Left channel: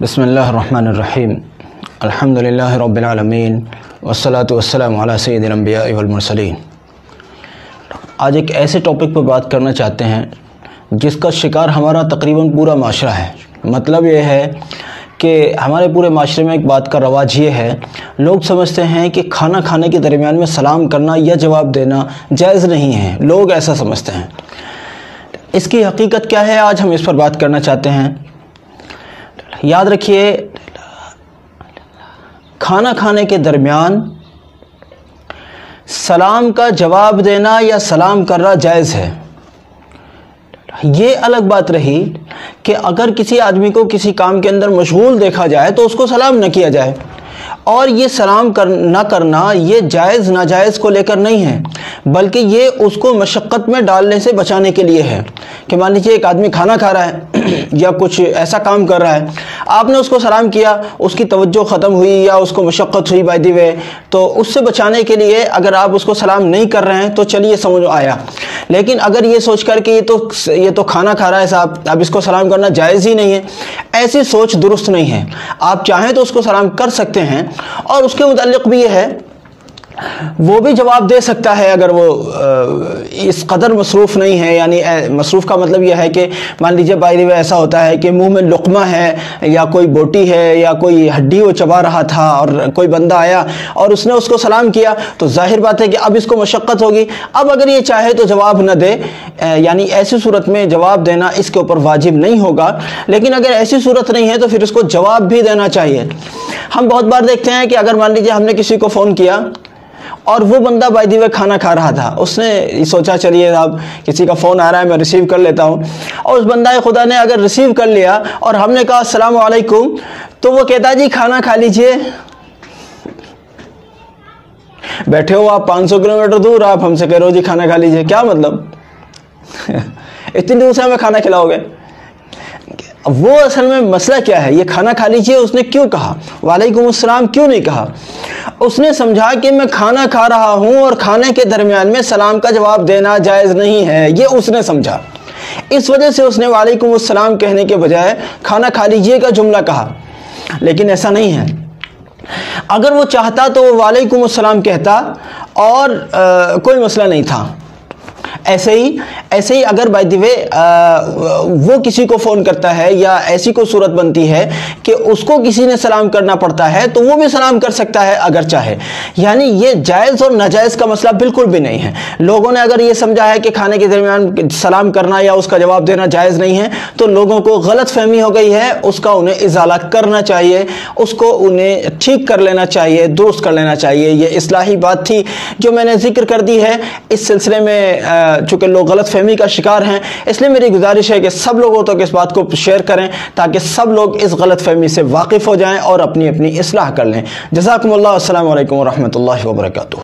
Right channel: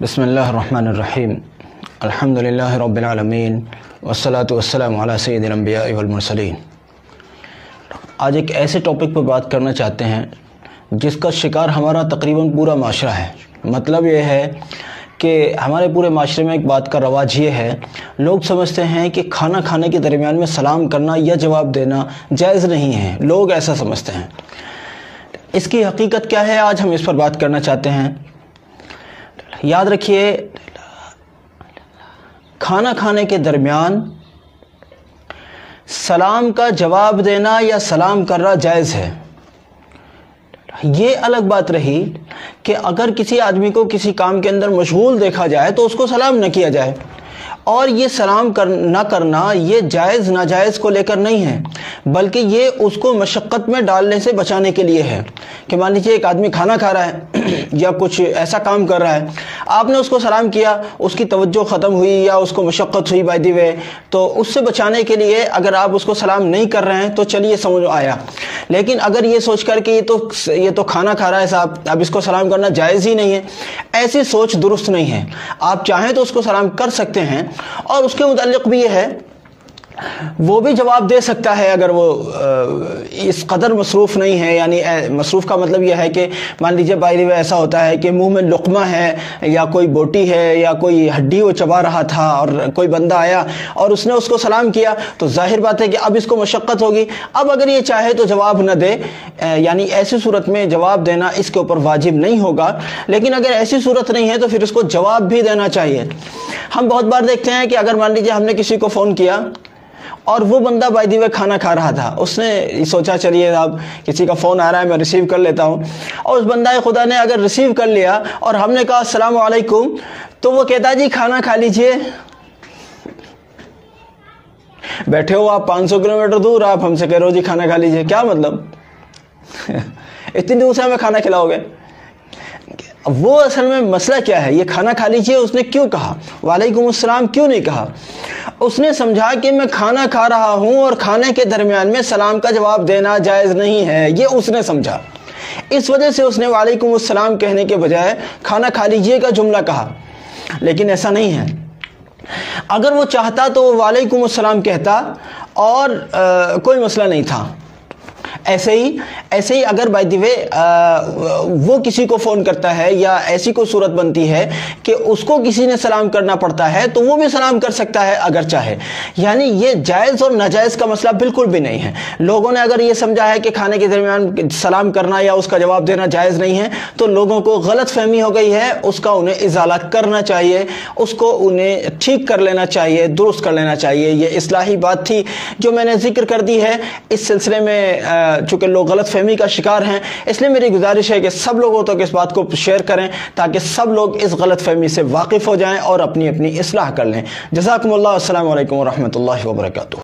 بسم اللہ الرحمن الرحیم الحمدللہ رب العالمین والصلاة والسلام علی سید الانبیاء والمرسلین۔ آج ایک ایسے ٹاپک پر بات کرنا چاہتے ہیں جس کا شکار ہمارا تقریباً پورا معاشرہ ہے۔ مطلب یہ ہے کہ ہمارے پورے معاشرے میں ایک بات کا رواج یہ ہے، لوگ سمجھتے ہیں کہ کھانا کھانے کے درمیان میں سلام کرنا یا جواب دینا جائز نہیں ہے، لوگ ایسا سمجھتے ہیں۔ اس کی حقیقت کیا ہے، آج ہم اس پر بات کرنا چاہتے ہیں۔ یاد رکھیے، کھانا کھانے کے درمیان سلام کا جواب دینا یا سلام کرنا جائز ہے۔ یہ الگ بات رہی کہ اگر کسی آدمی کو کسی کام کے اندر مشغول دیکھا جائے تو اس کو سلام نہ کیا جائے، اور یہ سلام نہ کرنا یہ جائز ناجائز کو لے کر نہیں ہے، بلکہ یہ اس کو مشقت میں ڈالنے سے بچانے کے لیے ہے۔ کہ مان لیجیے ایک آدمی کھانا کھا رہا ہے یا کچھ ایسا کام کر رہا ہے، آپ نے اس کو سلام کیا، اس کی توجہ ختم ہوئی یا اس کو مشقت ہوئی بائی دی وے، تو اس سے بچانے کے لیے اگر آپ اس کو سلام نہیں کر رہے ہیں تو چلیے سمجھ آیا۔ لیکن اگر یہ سوچ کر کہ یہ تو کھانا کھا رہا ہے صاحب، اب اس کو سلام کرنا جائز ہی نہیں ہے، ایسی سوچ درست نہیں ہے۔ آپ چاہیں تو اس کو سلام کر سکتے ہیں، اور اس کے متعلق بھی یہ ہے وہ بھی جواب دے سکتا ہے اگر وہ اس قدر مصروف نہیں ہے۔ یعنی مصروف کا مطلب یہ ہے کہ مان لیجیے بائی دی وے ایسا ہوتا ہے کہ منہ میں لقمہ ہے یا کوئی بوٹی ہے یا کوئی ہڈی وہ چبا رہا تھا، اور کوئی بندہ آیا اور اس نے اس کو سلام کیا، تو ظاہر بات ہے کہ اب اس کو مشقت ہوگی، اب اگر یہ چاہے تو جواب نہ دے، یعنی ایسی صورت میں جواب دینا اس کے اوپر واجب نہیں ہوگا۔ لیکن اگر ایسی صورت نہیں ہے تو پھر اس کو جواب بھی دینا چاہیے۔ ہم بہت بار دیکھتے ہیں کہ اگر مان لیجیے ہم نے کسی کو فون کیا اور وہ بندہ بائی دی وے کھانا کھا رہا تھا، اس نے سوچا چلیے اب کسی کا فون آ رہا ہے میں ریسیو کر لیتا ہوں، اور اس بندہ خدا نے اگر ریسیو کر لیا اور ہم نے کہا السلام علیکم، تو وہ کہتا ہے جی کھانا کھا لیجئے۔ بیٹھے ہو آپ 500 کلومیٹر دور، آپ ہم سے کہہ رہے ہو جی کھانا کھا لیجئے، کیا مطلب؟ اتنی دور سے ہمیں کھانا کھلاؤ گے؟ وہ اصل میں مسئلہ کیا ہے، یہ کھانا کھا لیجئے اس نے کیوں کہا، وعلیکم السلام کیوں نہیں کہا؟ اس نے سمجھا کہ میں کھانا کھا رہا ہوں اور کھانے کے درمیان میں سلام کا جواب دینا جائز نہیں ہے، یہ اس نے سمجھا۔ اس وجہ سے اس نے وعلیکم السلام کہنے کے بجائے کھانا کھا لیجئے کا جملہ کہا۔ لیکن ایسا نہیں ہے، اگر وہ چاہتا تو وہ وعلیکم السلام کہتا اور کوئی مسئلہ نہیں تھا۔ ایسے ہی اگر بائی دی وے وہ کسی کو فون کرتا ہے یا ایسی کوئی صورت بنتی ہے کہ اس کو کسی نے سلام کرنا پڑتا ہے تو وہ بھی سلام کر سکتا ہے اگر چاہے۔ یعنی یہ جائز اور ناجائز کا مسئلہ بالکل بھی نہیں ہے۔ لوگوں نے اگر یہ سمجھا ہے کہ کھانے کے درمیان سلام کرنا یا اس کا جواب دینا جائز نہیں ہے تو لوگوں کو غلط فہمی ہو گئی ہے، اس کا انہیں ازالہ کرنا چاہیے، اس کو انہیں ٹھیک کر لینا چاہیے، درست کر لینا چاہیے۔ یہ اصلاحی بات تھی جو میں نے ذکر کر دی ہے۔ اس سلسلے میں چونکہ لوگ غلط فہمی کا شکار ہیں، اس لیے میری گزارش ہے کہ سب لوگوں تک اس بات کو شیئر کریں تاکہ سب لوگ اس غلط فہمی سے واقف ہو جائیں اور اپنی اصلاح کر لیں۔ جزاکم اللہ، السلام علیکم ورحمۃ اللہ وبرکاتہ۔